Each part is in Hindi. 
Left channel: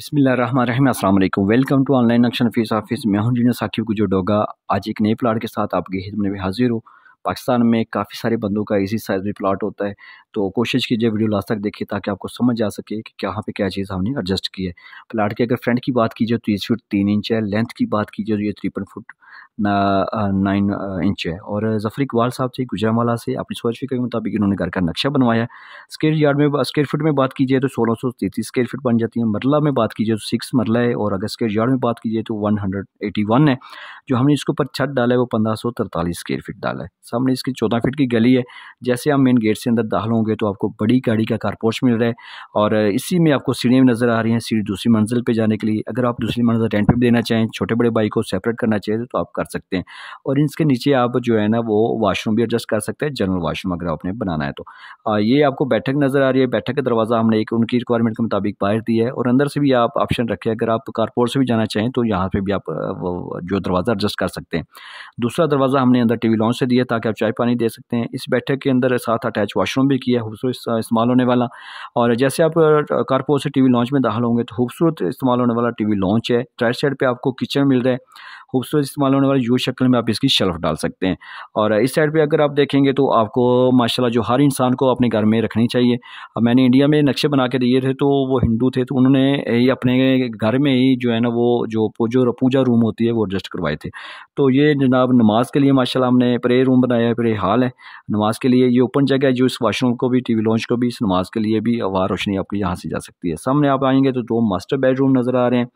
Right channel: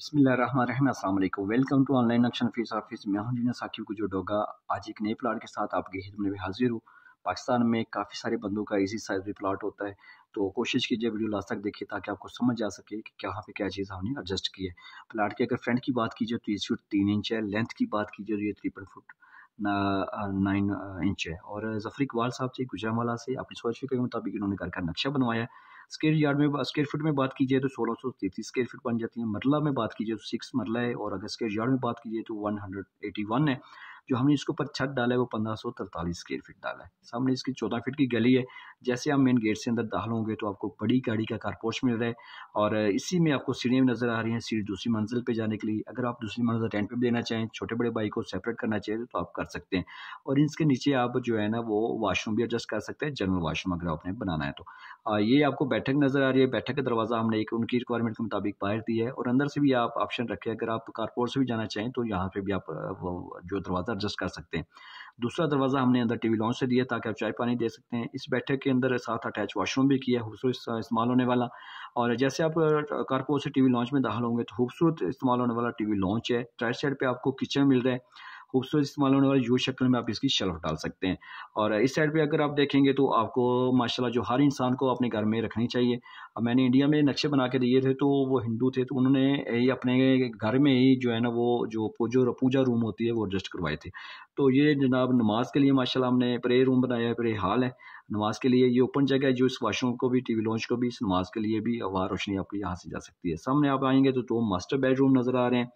बिस्मिल्लाहिर्रहमानिर्रहीम अस्सलाम वालेकुम। वेलकम टू ऑनलाइन नक्शा नफीस ऑफिस। मैं हूं जीना साकिब को जो डोगा। आज एक नए प्लाट के साथ आपकी खिदमत में हाजिर हूँ। पाकिस्तान में काफ़ी सारे बंदों का इसी साइज़ में प्लाट होता है, तो कोशिश कीजिए वीडियो लास्ट तक देखिए ताकि आपको समझ आ सके कि कहाँ पे क्या चीज़ हमने एडजस्ट की है। प्लाट के अगर फ्रंट की बात कीजिए तो 30 फुट 3 इंच है। लेंथ की बात कीजिए तो ये 53 फुट 9 इंच है। और जफर इकबाल साहब से गुजरांवाला से अपनी सोच फिक्र के मुताबिक इन्होंने घर का नक्शा बनवाया है। स्क्वायर फुट में बात कीजिए तो 1633 स्क्वायर फुट बन जाती है। मरला में बात कीजिए तो 6 मरला है। और अगर स्क्वायर यार्ड में बात कीजिए तो 181 है। जो हमने इसके ऊपर छत डाला है वो 1543 स्क्वायर फीट डाला है। सामने इसकी 14 फीट की गली है। जैसे आप मेन गेट से अंदर दाखिल होंगे तो आपको बड़ी गाड़ी का कारपोर्च मिल रहा है। और इसी में आपको सीढ़ियाँ भी नज़र आ रही हैं, सीढ़ी दूसरी मंजिल पे जाने के लिए। अगर आप दूसरी मंजिल रेंट पे भी देना चाहें, छोटे बड़े बाइक को सेपरेट करना चाहिए तो आप कर सकते हैं। और इसके नीचे आप जो है ना वो वाशरूम भी एडजस्ट कर सकते हैं, जनरल वाशरूम अगर आपने बनाना है तो। ये आपको बैठक नज़र आ रही है। बैठक का दरवाज़ा हमने एक उनकी रिक्वायरमेंट के मुताबिक बाहर दिया है। और अंदर से भी आप ऑप्शन रखें, अगर आप कारपोर्ट से भी जाना चाहें तो यहाँ पे भी आप वो जो दरवाज़ा एडजस्ट कर सकते हैं। दूसरा दरवाज़ा हमने अंदर टीवी लॉन्च से दिया ताकि आप चाय पानी दे सकते हैं। इस बैठक के अंदर साथ अटैच वॉशरूम भी किया है, खूबसूरत इस्तेमाल होने वाला। और जैसे आप कारपोर्ट से टीवी लॉन्च में दाखिल होंगे तो खूबसूरत इस्तेमाल होने वाला टीवी लॉन्च है। राइट साइड पे आपको किचन मिल रहा है। खूबसूरत इस्तेमाल होने वाली यू शक्ल में आप इसकी शेल्फ डाल सकते हैं। और इस साइड पे अगर आप देखेंगे तो आपको माशाल्लाह जो हर इंसान को अपने घर में रखनी चाहिए। अब मैंने इंडिया में नक्शे बना के दिए थे तो वो हिंदू थे तो उन्होंने ही अपने घर में ही जो है ना वो जो पूजा रूम होती है वो एडजस्ट करवाए थे। तो ये जनाब नमाज के लिए माशाल्लाह हमने प्रेयर रूम बनाया है, प्रेयर हॉल है नमाज के लिए। ये ओपन जगह है जो इस वॉशरूम को भी टीवी लॉन्च को भी इस नमाज के लिए भी हवा रोशनी आपकी यहाँ से जा सकती है। सामने आप आएंगे तो 2 मास्टर बेडरूम नज़र आ रहे हैं।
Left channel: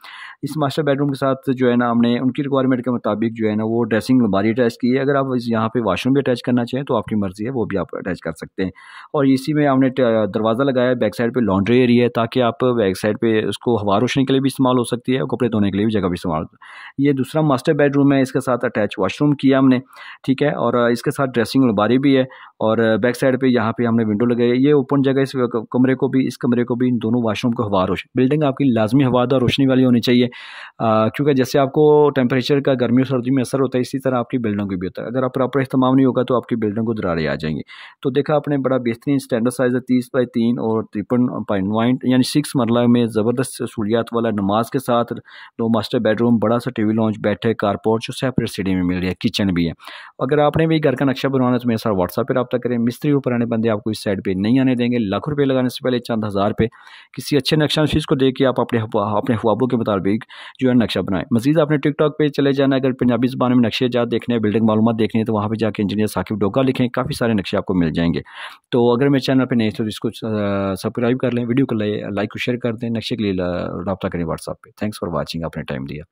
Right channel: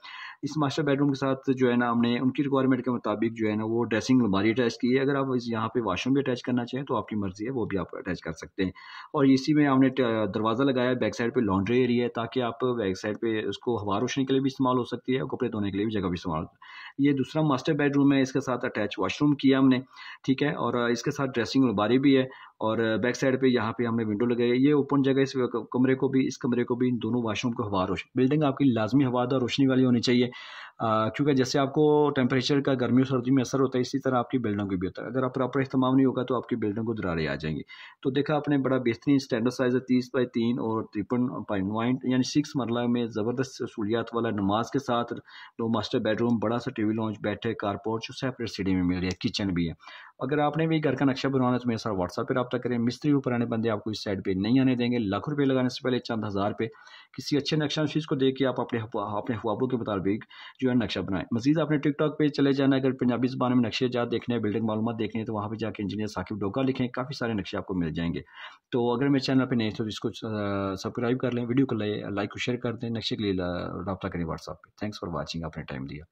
इस मास्टर बेडरूम के साथ जो है ना हमने उनकी रिक्वायरमेंट के मुताबिक जो है ना वो ड्रेसिंग अलमारी अटैच की है। अगर आप यहाँ पे वॉशरूम भी अटैच करना चाहें तो आपकी मर्ज़ी है, वो भी आप अटैच कर सकते हैं। और इसी में हमने दरवाज़ा लगाया है। बैक साइड पे लॉन्ड्री एरिया है ताकि आप बैक साइड पे उसको हवा रोशनी के लिए भी इस्तेमाल हो सकती है और कपड़े धोने के लिए भी जगह भी इस्तेमाल। ये दूसरा मास्टर बेडरूम है, इसके साथ अटैच वॉशरूम किया हमने, ठीक है। और इसके साथ ड्रेसिंग अलमारी भी है। और बैक साइड पे यहाँ पे हमने विंडो लगाई है। ये ओपन जगह इस कमरे को भी, इस कमरे को भी, इन दोनों वॉशरूम को हवा रोशनी, बिल्डिंग आपकी लाजमी हवादार रोशनी वाली होनी चाहिए। क्योंकि जैसे आपको टेम्परेचर का गर्मी और सर्दी में असर होता है इसी तरह आपकी बिल्डिंग को भी होता है। अगर आप प्रॉपर इस्तेमाल नहीं होगा तो आपकी बिल्डिंग को दरारें आ जाएंगी। तो देखा आपने बड़ा बेहतरीन स्टैंडर्ड साइज़ है 30 बाई 3 और 53.9 यानी 6 मरला में ज़बरदस्त सहूलियात वाला नमाज के साथ 2 मास्टर बेडरूम, बड़ा सा टीवी लॉन्च, बैठक, कारपोर्च और सेपरेट सीढ़ी में मिल रही है, किचन भी है। अगर आपने भी घर का नक्शा बनवाना है तो मेरे साथ व्हाट्सएप पर रब्ता करें। मिस्त्री और पुराने बंदे आपको इस साइड पर नहीं आने देंगे। लाखों रुपये लगाने से पहले चंद हज़ार पे किसी अच्छे नक्शा चीज़ को देख के आप अपने ख्वाबों के मुताबिक जो है नक्शा बनाएं। मज़ीद आपने टिकटॉक पे चले जाना, अगर पंजाबी ज़बान में नक्शे जात देखने हैं, बिल्डिंग मालूमात देखनी है तो वहाँ पे जाके इंजीनियर साकिब डोगा लिखें, काफ़ी सारे नक्शे आपको मिल जाएंगे। तो अगर मेरे चैनल पे नहीं तो इसको सब्सक्राइब कर लें, वीडियो को लाइक और शेयर कर दें। नक्शे के लिए रब्ता करें व्हाट्सएप पे। थैंक्स फॉर वॉचिंग, आपने टाइम दिया।